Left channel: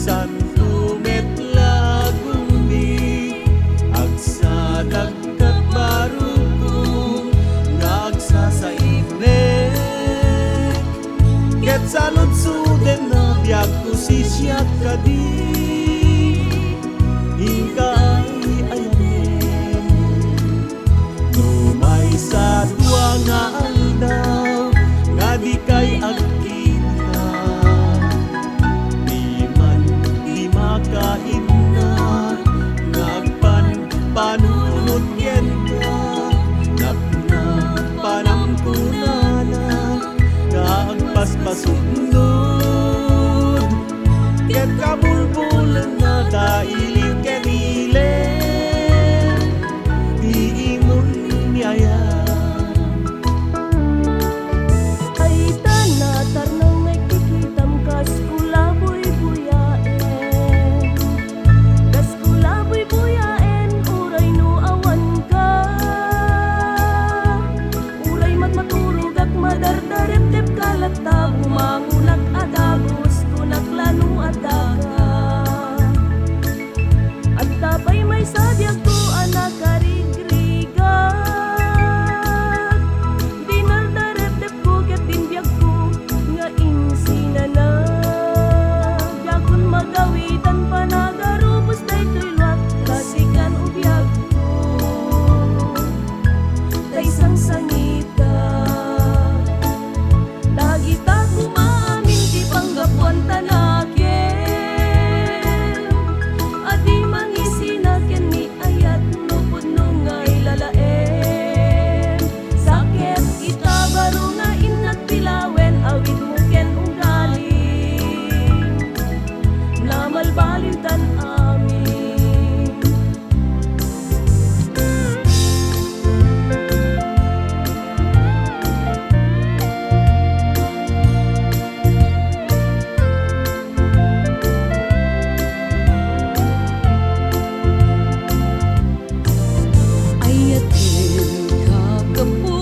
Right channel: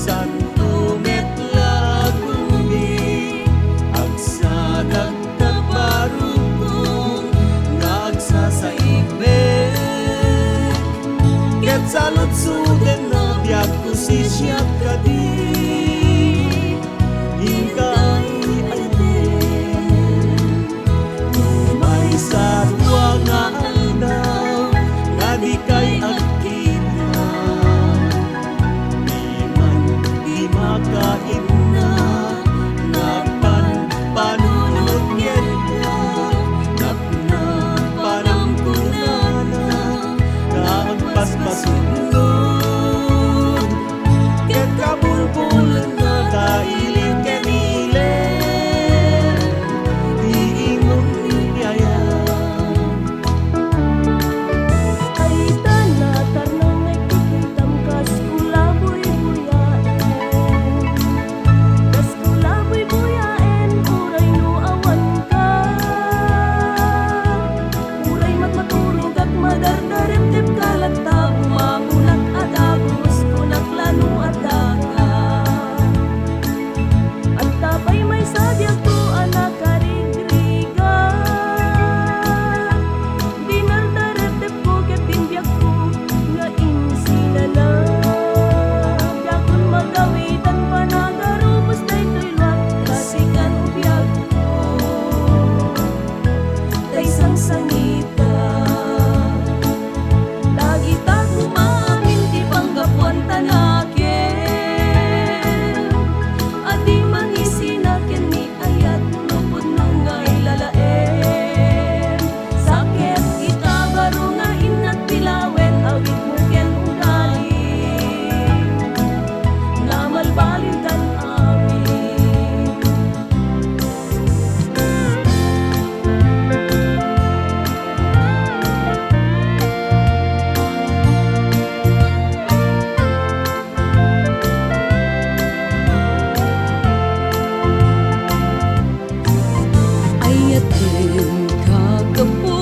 santo metla gumbi agsa dagdag barukong nga agsasaibig ket salud suden na biag ko si siya kadi hingkay ayanin numay sa dua nga aldaw nga di kay agkita di man di makaina nagpanunod yen ka nagpanampunana kaagpaspasundod ket kabulbulan na kailing kanilen di imon niyaya ay tana tarnaw ngay kikitam kas kulaboy buyaen kas kulaboy buyaen uray no awan ka uray matmaturog at madardarem tep kalata umangunak adagos kunak lanu adaga at tapay may sadyag ko anak karigriga dinardarep ko ket dinbiag ko nga insina na yakon magawitan panagarubos daytoy luwat kasikan ubyag ko taysang sangita lagi ta kumamin ti panggapuan tanaken adi mangisinaken ni ayat no pudno nga ilalaen sakit kita baro nga inat pilawen awit mo ken ugaling namalbalin tan amin ayatin kagapu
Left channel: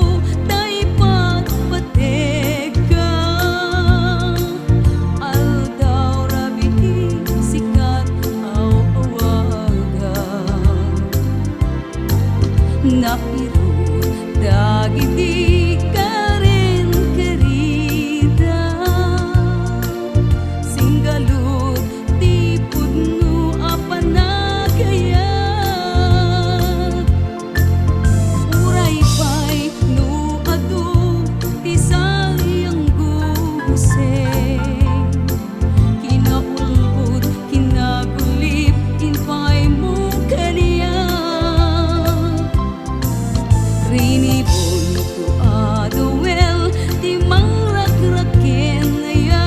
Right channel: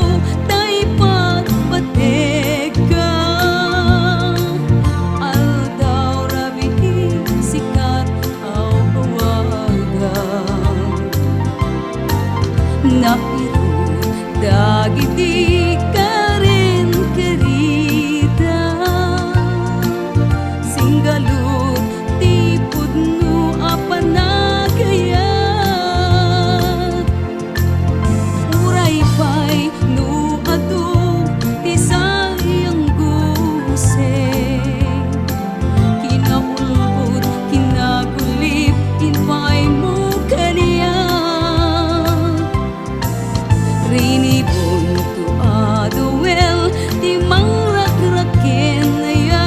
tay pagbatega aldaw rabi sikat aw awaga nairo dagiti karen kerida singgalut ti pudno apanagaya uray pay no adu ti sayang guseng kinaulbud kinagulip inpay mo kaniya rinibon to adowel ti mangrakraken aya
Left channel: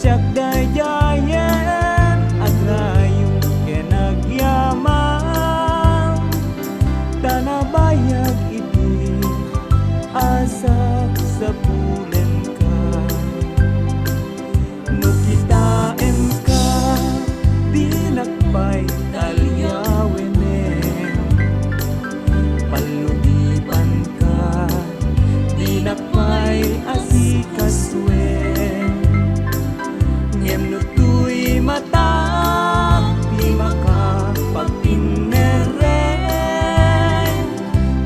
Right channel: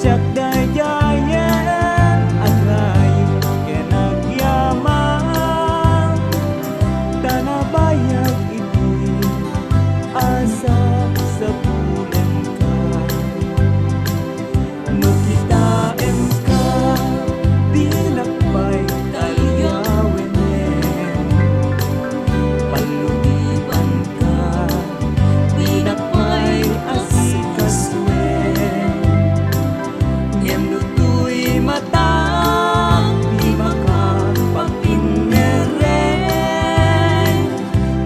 siyak dayayan at rayo kenagyaman tanabayag iti asak sa pulen ka no kitaem ka dinakpay talyawenen paludiban ka dinakpay asikaswen ngem no tuy matang di makapagpinereng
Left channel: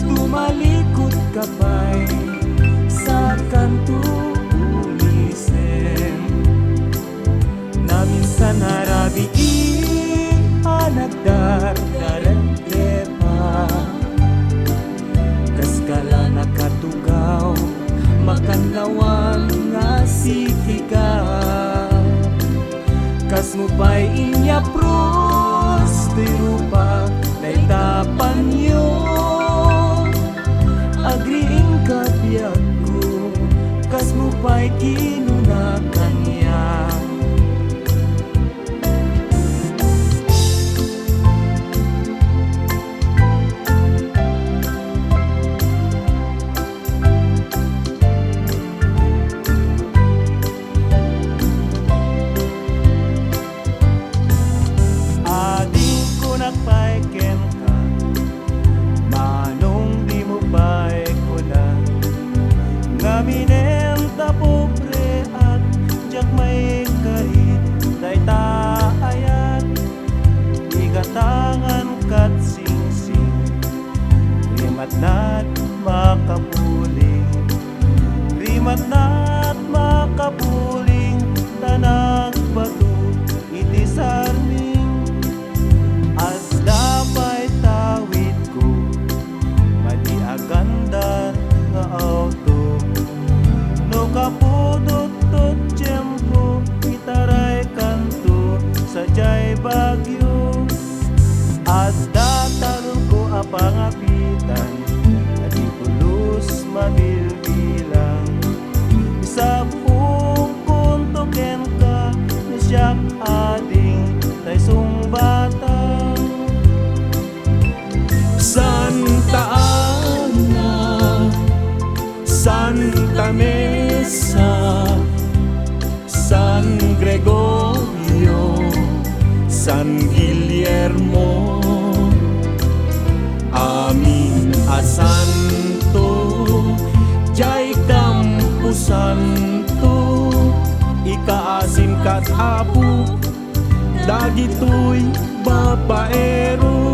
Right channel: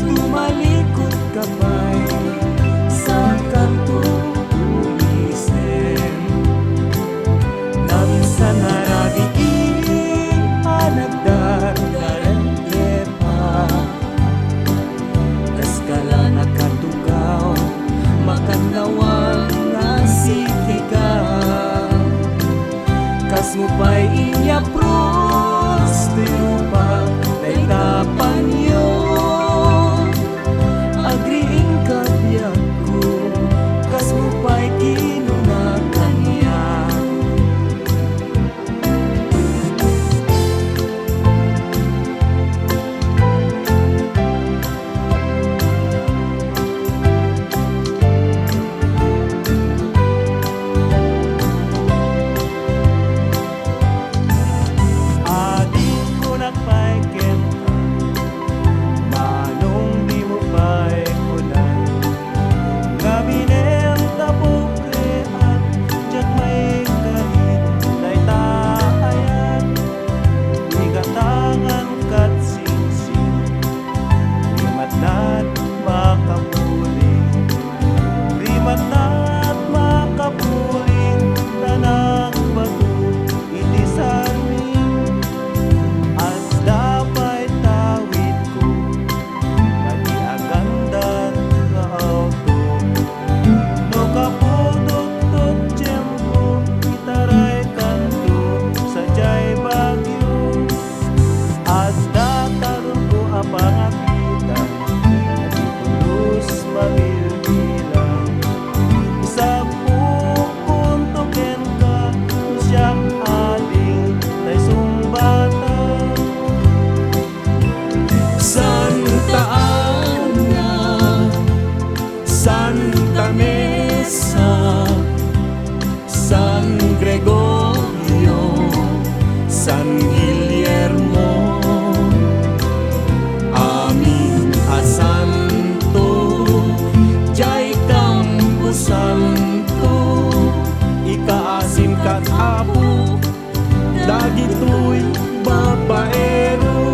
tumalikod ka pa'y sa kanto ulisen na minsan harabi nagdardarente pa kas kala nakatugaw makanawang nasiki kas mo pa'y inya pros di rupa taitapan yo agriing kabiyak ko kas mo pa'y kinunakan niya nagpaiken ka manong di mo pa'y kuna nga minem tapukre at jak may kahit daytaayat ikatangan kat singsing rimat na't makapuling rimat na't makapuling tanang batu iti sarmi dapat tawid ko madi agandar nga auto no kapudot tot tiyempo itaray kanto sa jay bagyo at dataron ko apangapitan at ipulus mabilbilang sa pukuntoken ka siyak ading tay sumbatang Santa Ana, Santa Mesa, San Gregorio, San Guillermo, Amin a Santo, Jai Campo Santo, ikaasim kat apo, dagitoy babaero.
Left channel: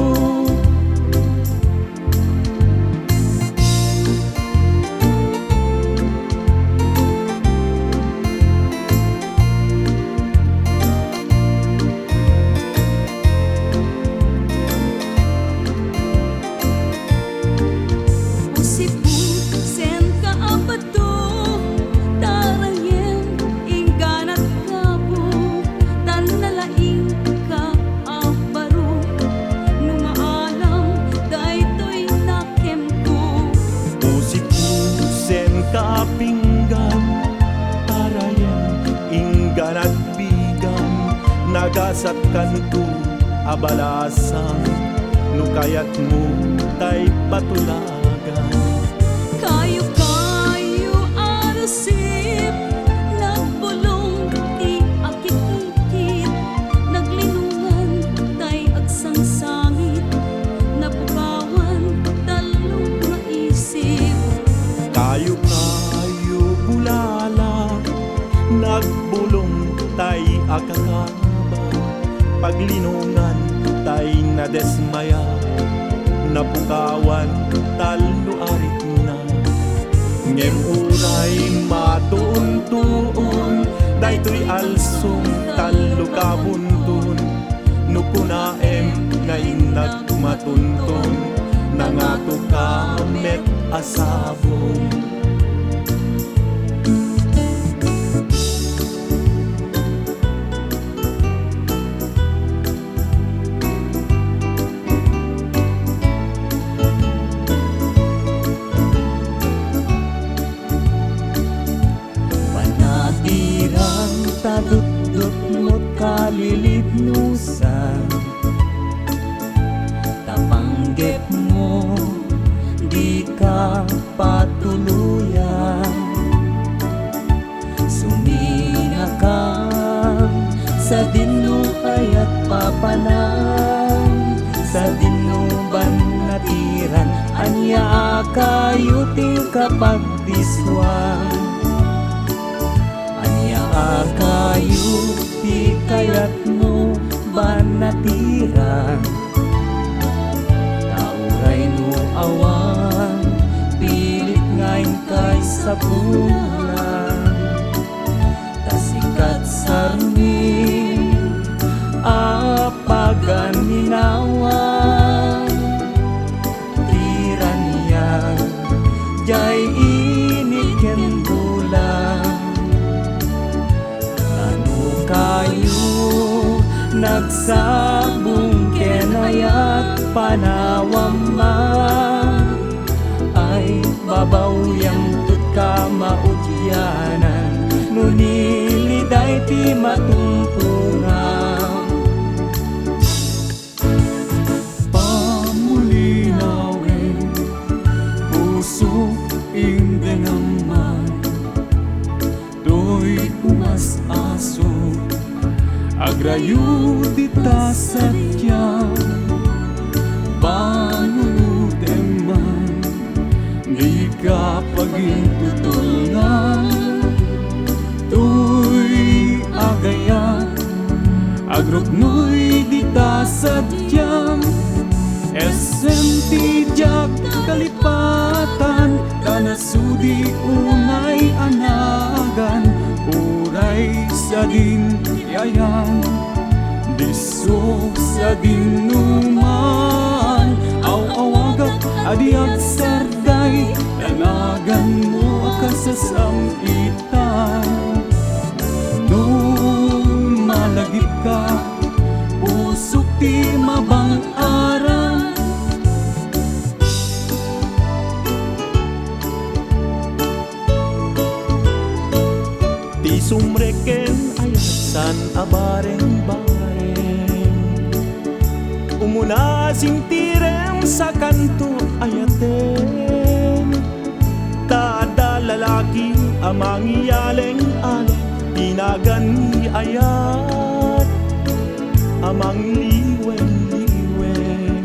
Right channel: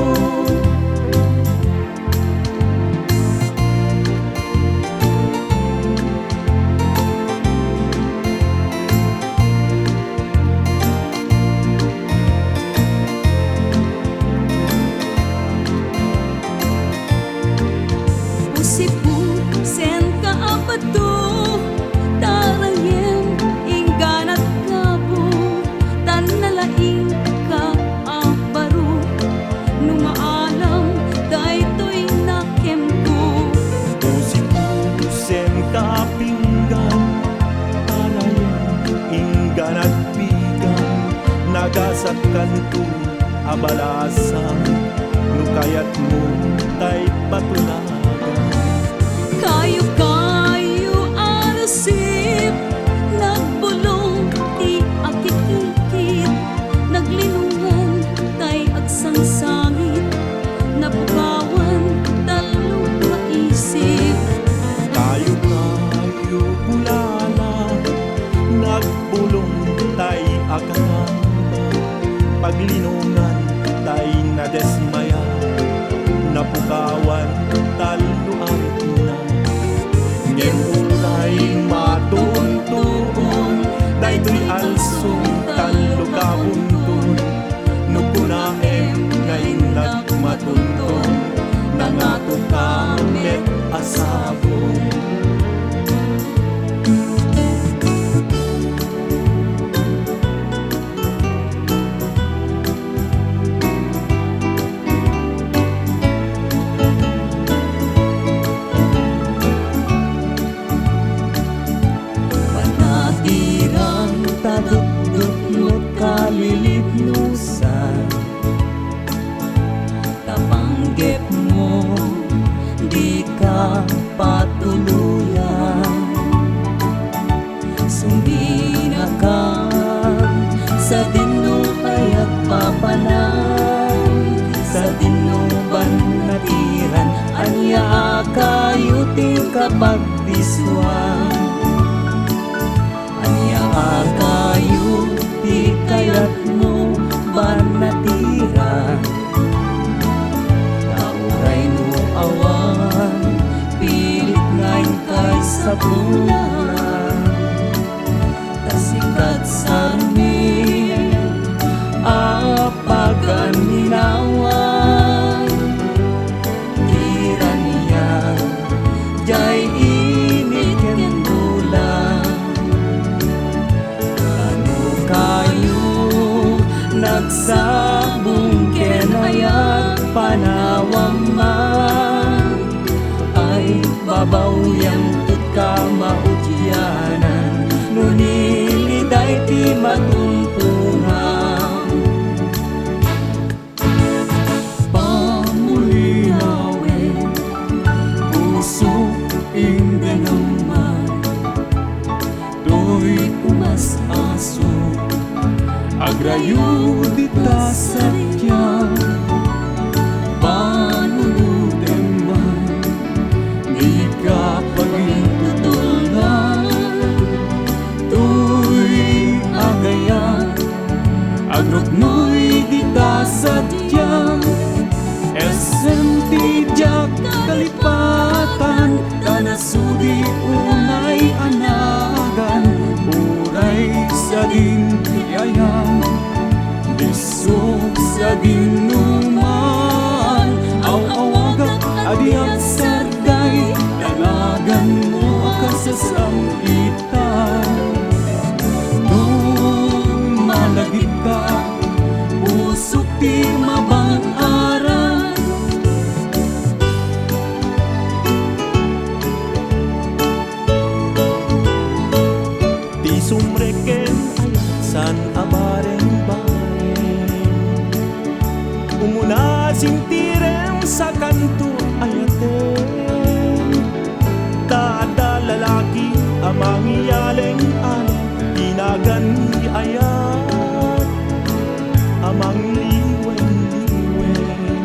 Kapinggan, tarayan, inggan at bigan, nagasat kanto, abalasan, nukayat mo, tay patulagan. Kayo arasip, nagbulong ti akikikit, naglinungan tay agsangsangit, nabukawan talong maisip. Kayo bulala, nagbulong tay akakaba, paglinungan tay nadesmaya, napukawan talo arit na. Ngem uray matuuntuon, daytoy alsong talo kabuntun, nukunaem ngayon nagmatuntun, nangato kamet asabong. Panatirang tadot ka patuluyan. Suminakam sa dinukay at papanang, sa dinuban natiran, anya kayuting kapag diswang. Anya kayuti kayat mo ban natiran, tauray no awan, pilit ngayon kay sa bulan. Tasikat sarmi apagan minawan, tiran niya jay init ken bulan. Ano kayo nagsabong kenayat panawam man, ay babaw yang tut ka maudyanan, nuniliday ti matumpungan. Pamulinawin puso hindi naman, to'y umas-aso agrayo dita sadya. Panunudeman di ka pagintutulngan, to'y agayat agroknoy dita sadyang. SMT jak kalipatan, tanasudi unay anagan, uray sa din yayang, diso sa dinuman, aw-awagat adiag sarday, tanagan mo akasasampitan. Nung malagip ka, pusok ti mabang-aran. Di sumreken ayat san abareng bareng, umuna sintirem sa kanto ayaten. Taada lalaki amang iyaleng-aleng, tinagan ni ayat amang liwen-liwen.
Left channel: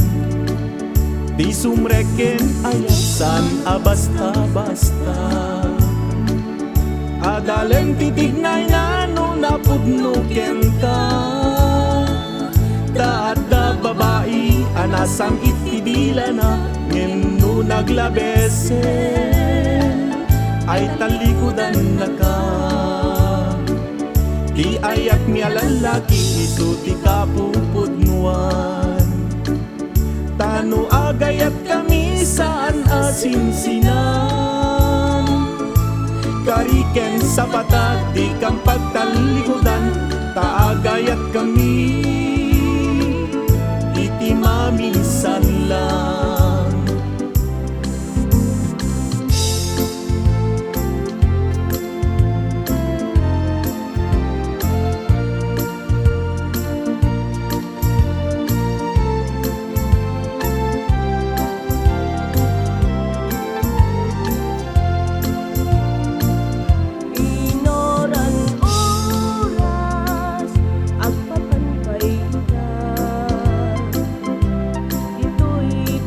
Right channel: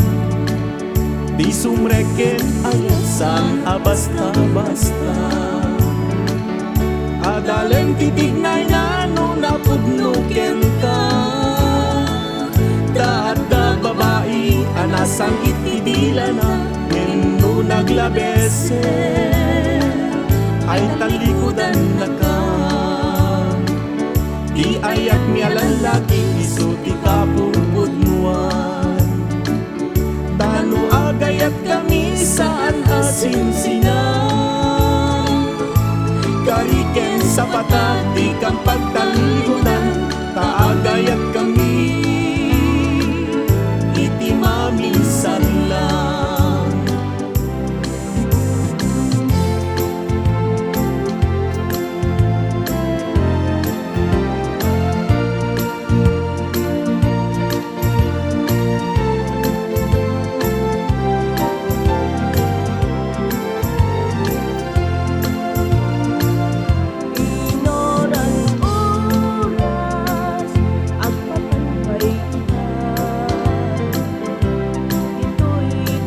Di sumreken ayat san abasta-basta, adaleng titignay na no napudnuken ka. Daada babae anasang itidila na, ngeno naglabese ay talikudan na ka. Di ayak niya lalaki iso ti kapupudnuan, tano agayat kami saan asinsinan. Kariken sa patat di kang pagtalikudan, taagayat kami iti maminsan lang. Inoran oras agpapanbay ka, ito'y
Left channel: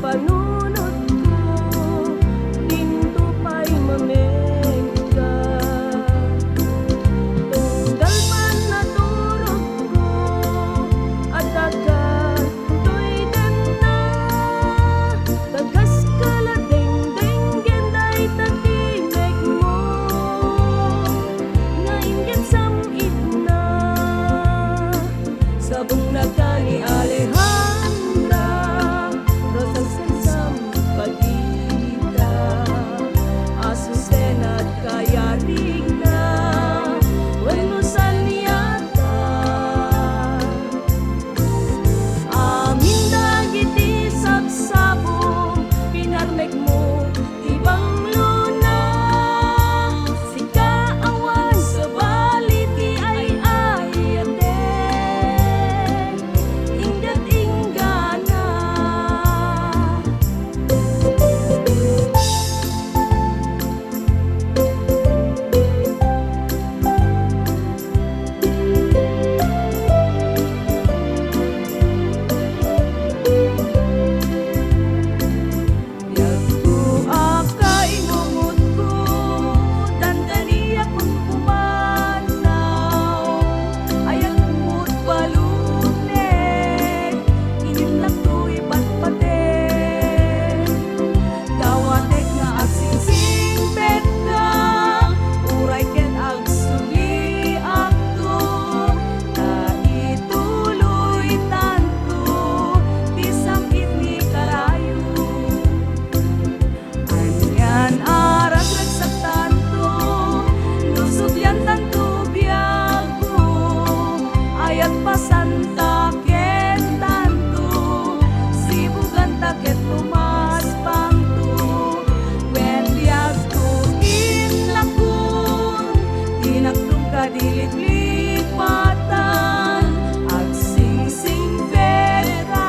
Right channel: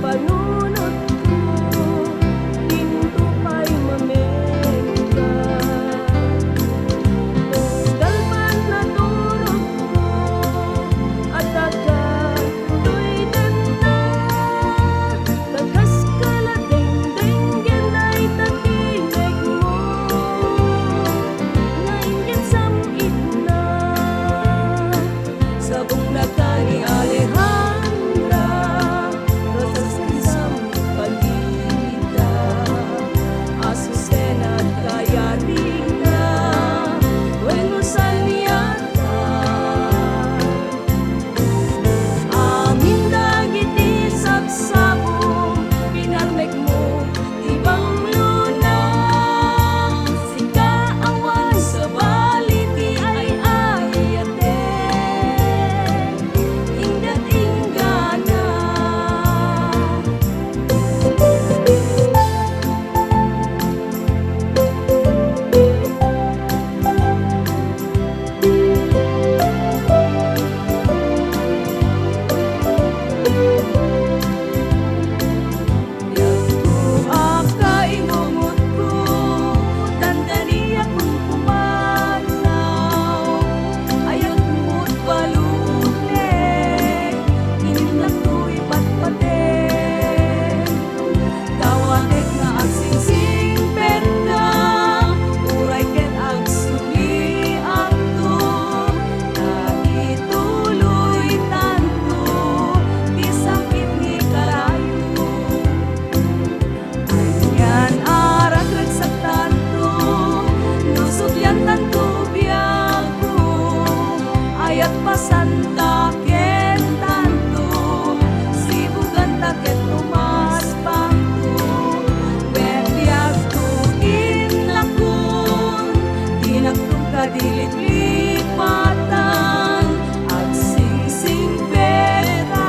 diliplipatan at singsing pera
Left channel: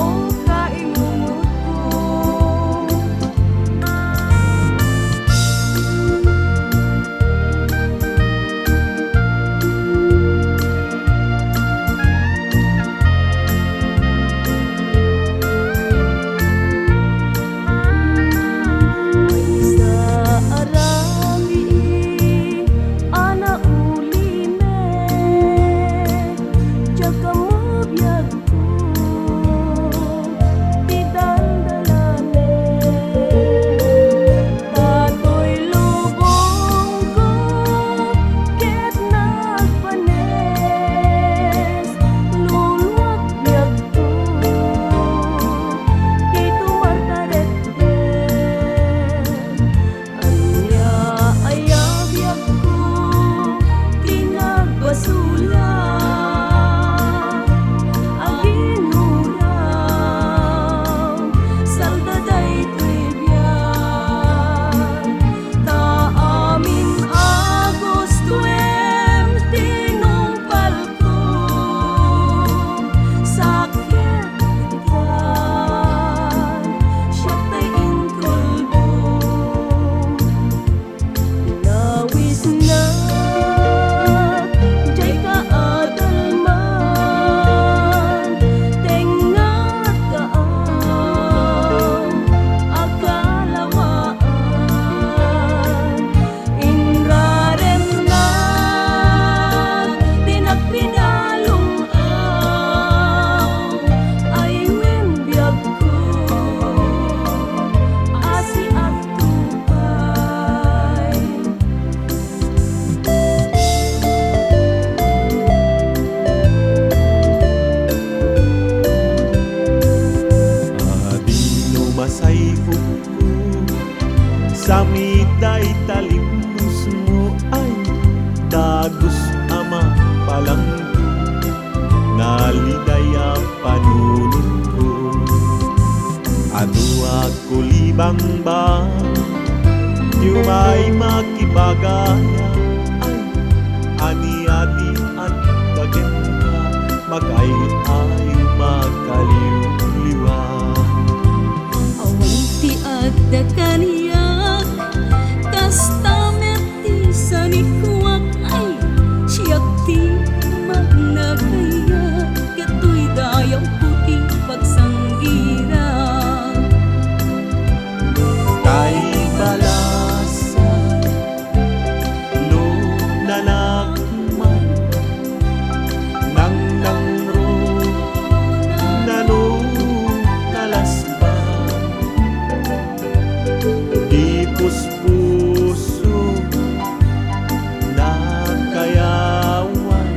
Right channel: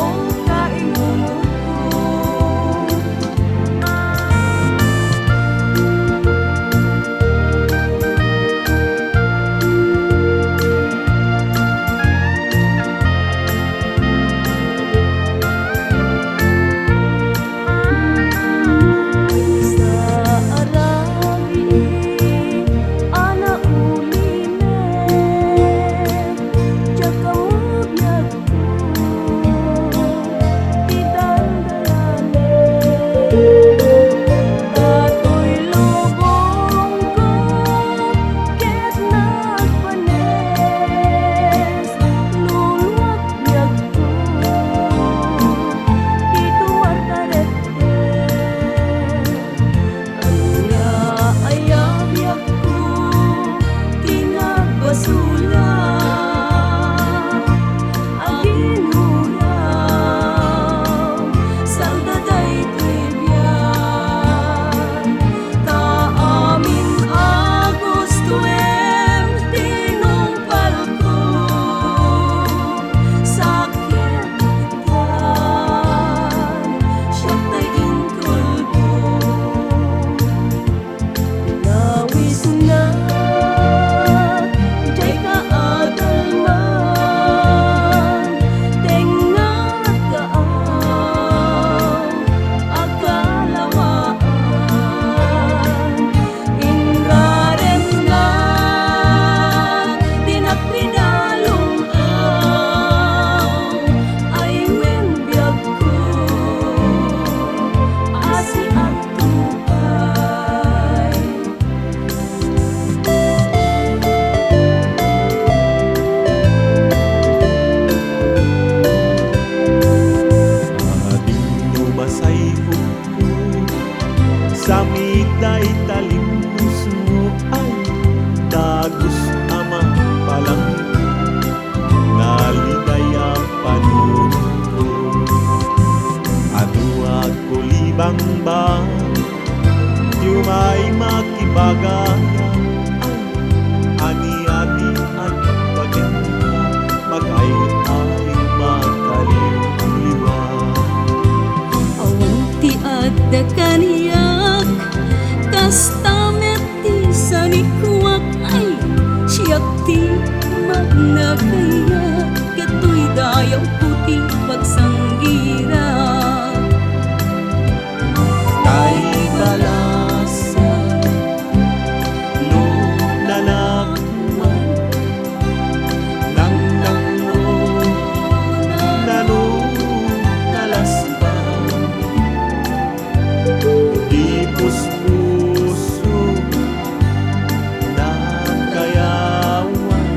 o kaingungot ko. Sa arami ana ulime jaga mabiyag ko tidandalane tatoy lubong ko ket nagpanes lulwak biyag ko dito martarete anya ayabyak ko tinagbasula aginuraw saldaday tuibyan taamin agustuem tinumpal ko sakit yan siyak tay inkulbong Nawis na jay kaadalman tengat kaam akalawaan inrarem na dinakpinalong ay wenbyag ko asi at tupay Adino masaybok ko sa miday talimnos mo ay dagos ama palang naligaya panunod ko. Ano ako libang ba di may makibagaya ay ani-ani at pagenda magay-ay makaliw-liwan. awan ti adda kaniyak kastamet ti sanikuak ay siyak ti magnagaya katoy dayaw puti pagsanggira Kay balasan no nanakman nang nangro nano nalaspan di puspuso na kayawan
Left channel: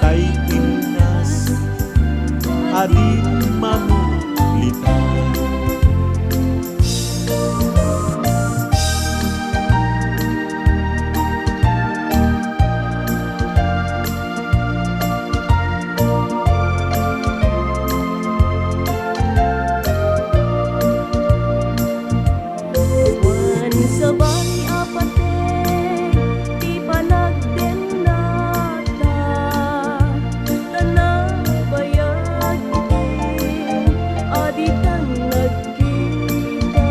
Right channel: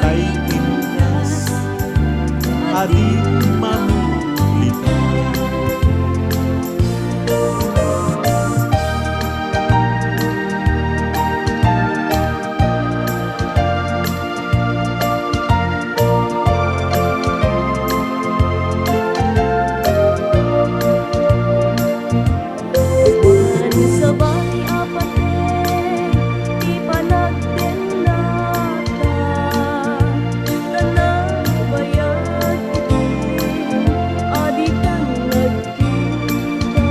kay inas adi manulitan. wan sabay apate ti panagdenata tanabayag itin aditan nagkita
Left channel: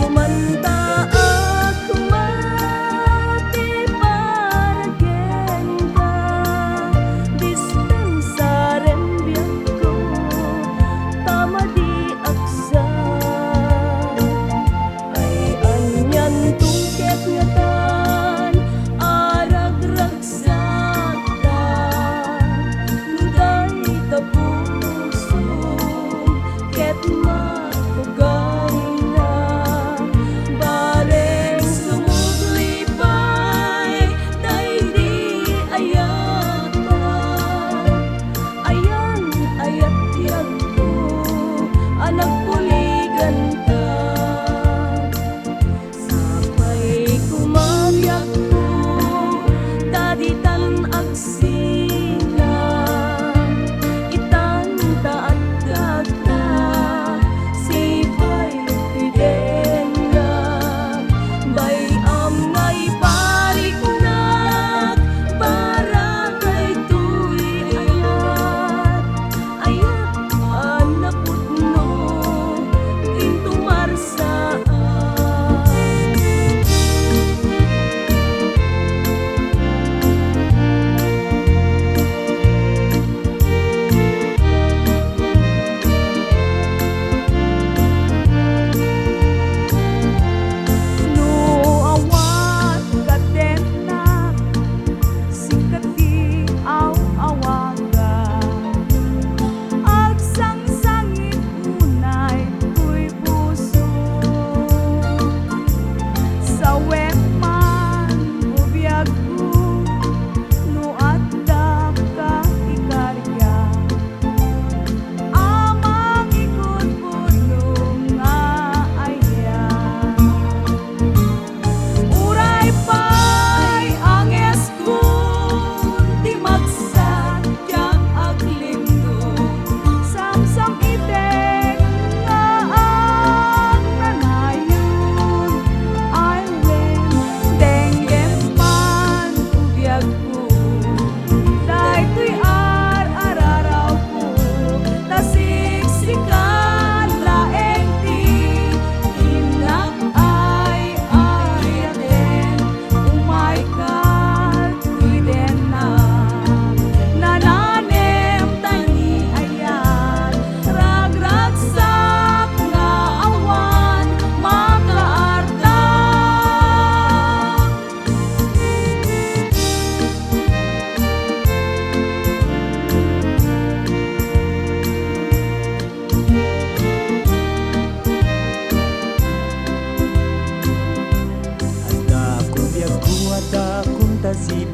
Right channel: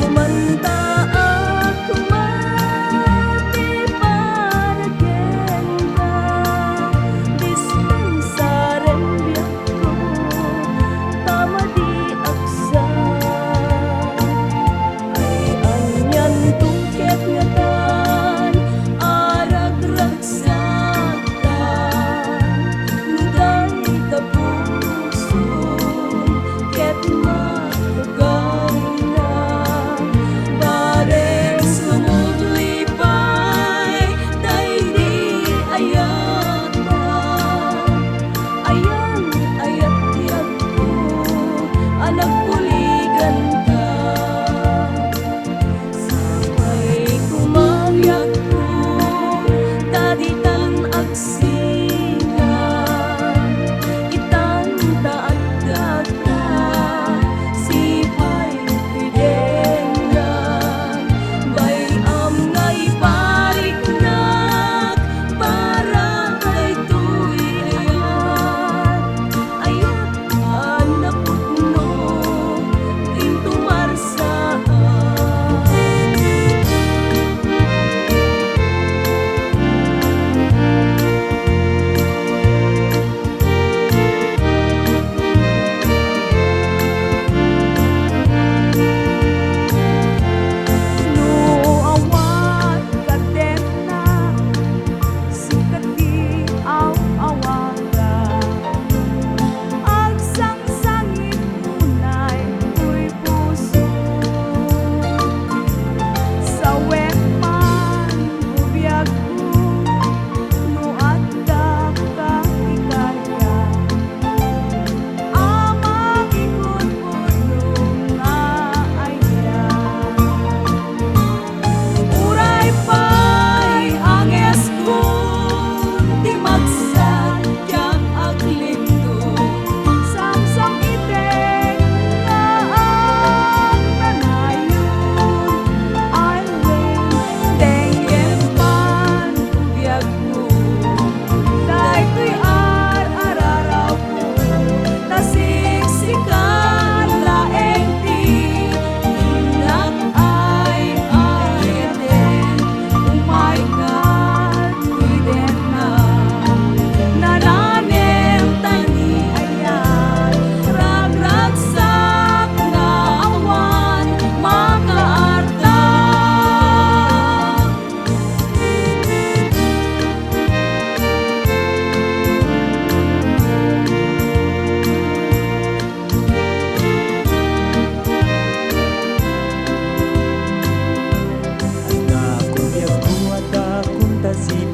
kumanta ako mati paragenda dispensarem biyak ko tama di aksa ay anyan tungket nga tan arag ragsakan nuday tapuso ket matugang na bareng sumuglipay daydi ayata ayan ayat yag ko anak puligan ka sapay kumabyak ko daditan agsina itanta at gata sipay pidenga bayam ngay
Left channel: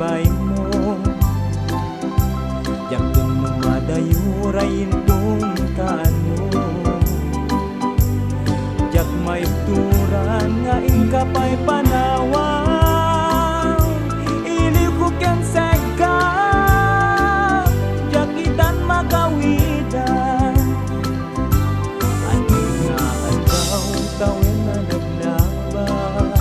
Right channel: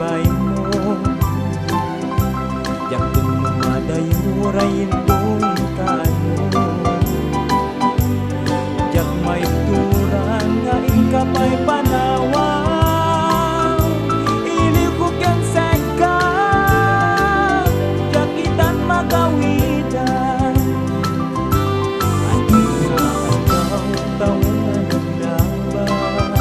baybay mo. Jak dun numadayurayin dun kaano. Jak may turan nga ikapay panawang. Iliw ko kyan seka, jak itan magawidan. At nga andaw taon na naglabas.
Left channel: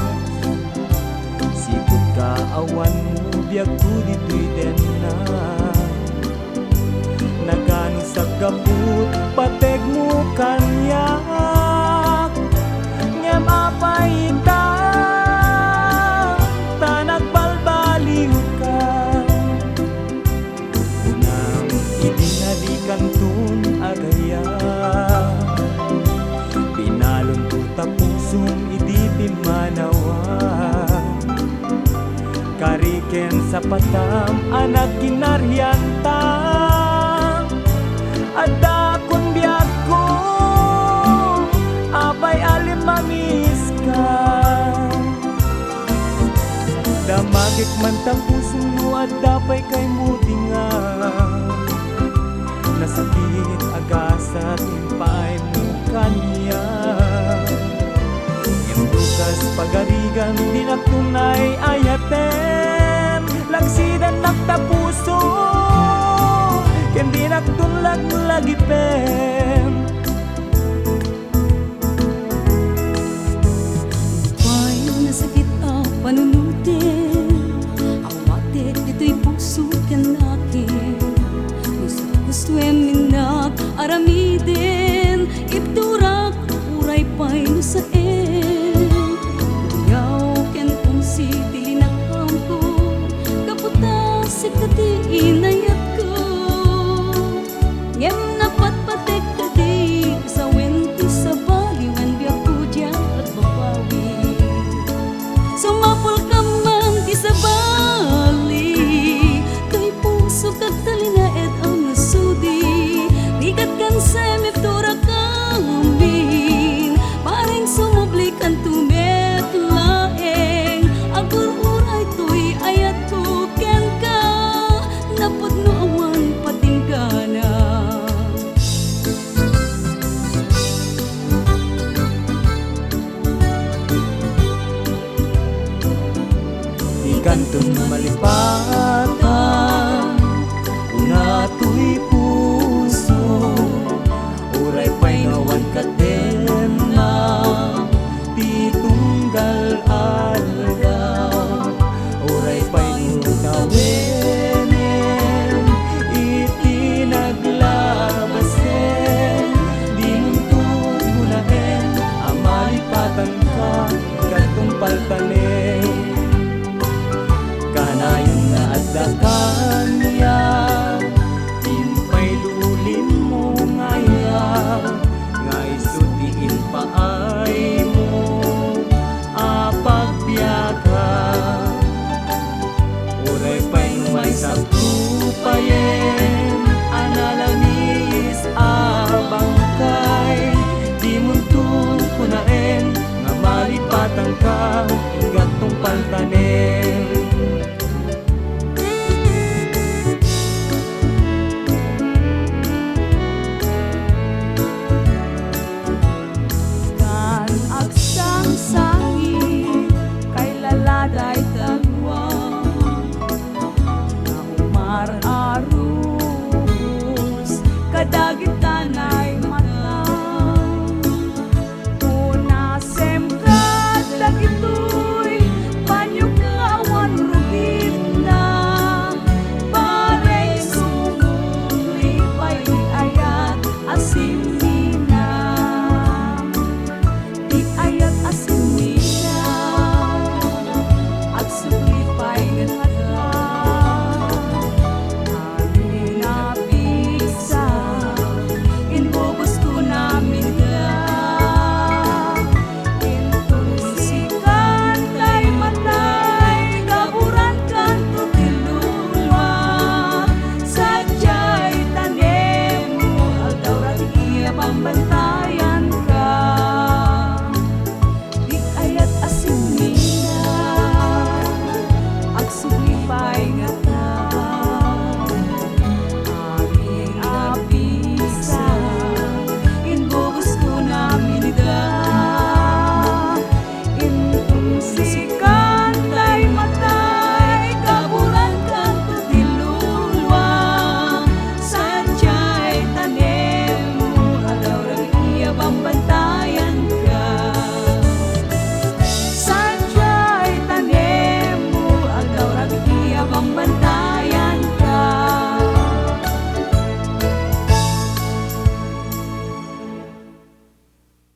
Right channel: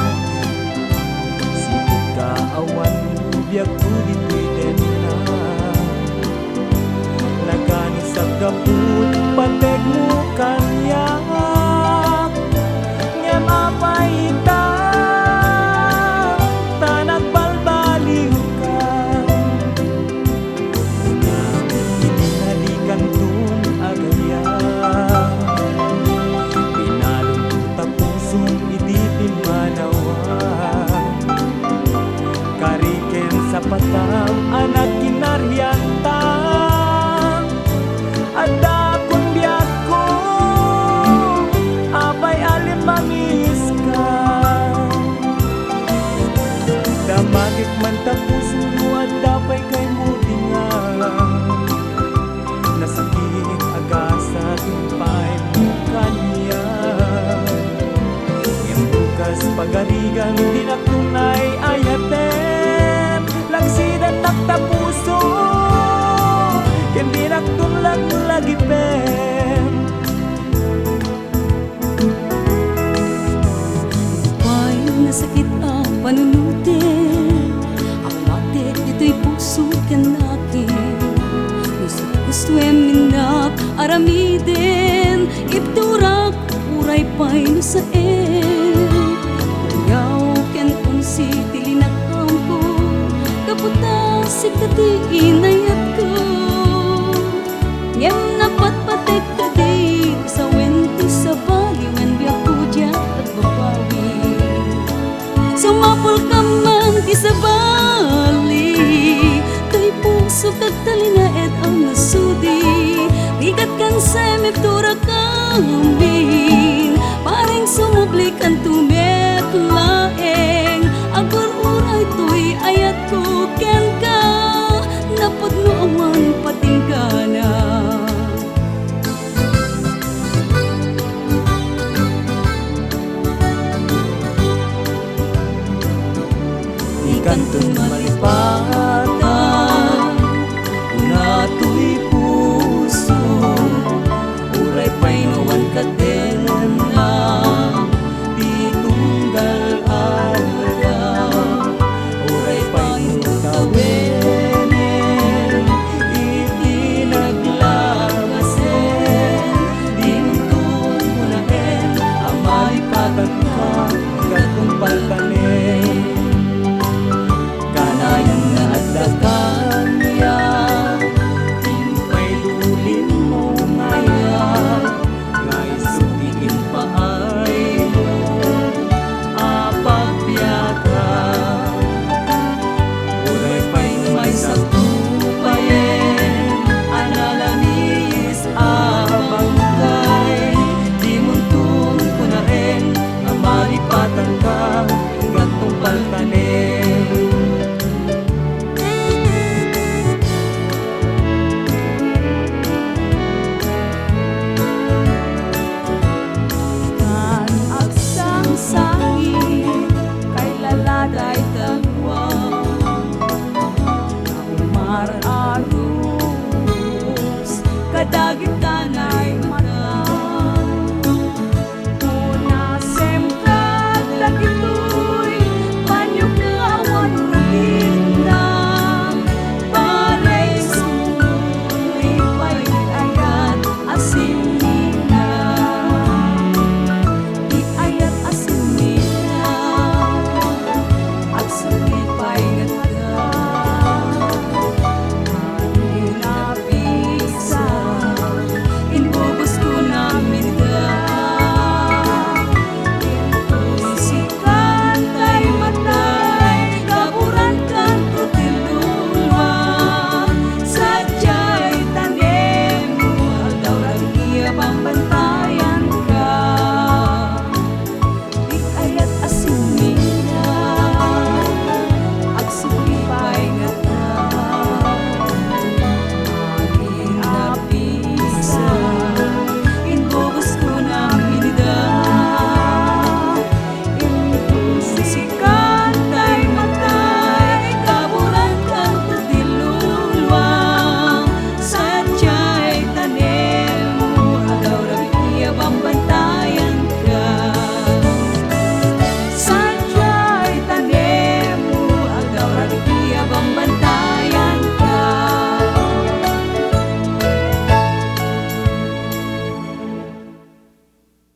Sipot ka awan mo, biyak ko dito'y den na. Nagani sa gaput, patek mo kanyak. Ngem apay ta nagbalbaliw ka. Unang ibinalikan tun agaya. Pinalong ko tapusong idipin manawa. Kariken sa patam anak kinaryanta. At akong biyak ko, apay alim mamis ka. Damagik man tapusin mo at dapay kay mutinga. Nasakit agasa timpay mo kanya. Yung bukas pagarigan di na tunay ayatem. Lagsidan naktapuso, kendi naktunlag mo lagi pem. Pay nasakit ang panunutin, ang matik dito'y puso kanakin. Gusto minak aramidin, ipturak uray pay no sa el. Uyaw ken unsi tilinak kampo, kaputa sikati inayat ko. Ngem napatpatek ka di sa wenti sa baliwan biyak ko dyan at babawi. Sumapol ka man di sa bali, kay puso kag talinaed ang nasudi. Rigat kan sa miptura kamin, paring sumubli kan tumet laeng. Agur uray to'y ayat ko ken ka, napod no awan patinggana. Ikantun malipatan, una to'y puso. Uray pa'y nawan kadena, titunggal alaw. Uray pa'y nutawenen, itinaglabasen. Di muntong munaen, amalipatan ka, gatong paltanen. Kanayon na adlakan niya, timpay lulin mo ngaya. Nga isutiin paay mo, apagbiyaga. Uray pa'y may saktupayen, analamis abangkay. Di muntong punaen, nga malipatan ka, igatong paltanen.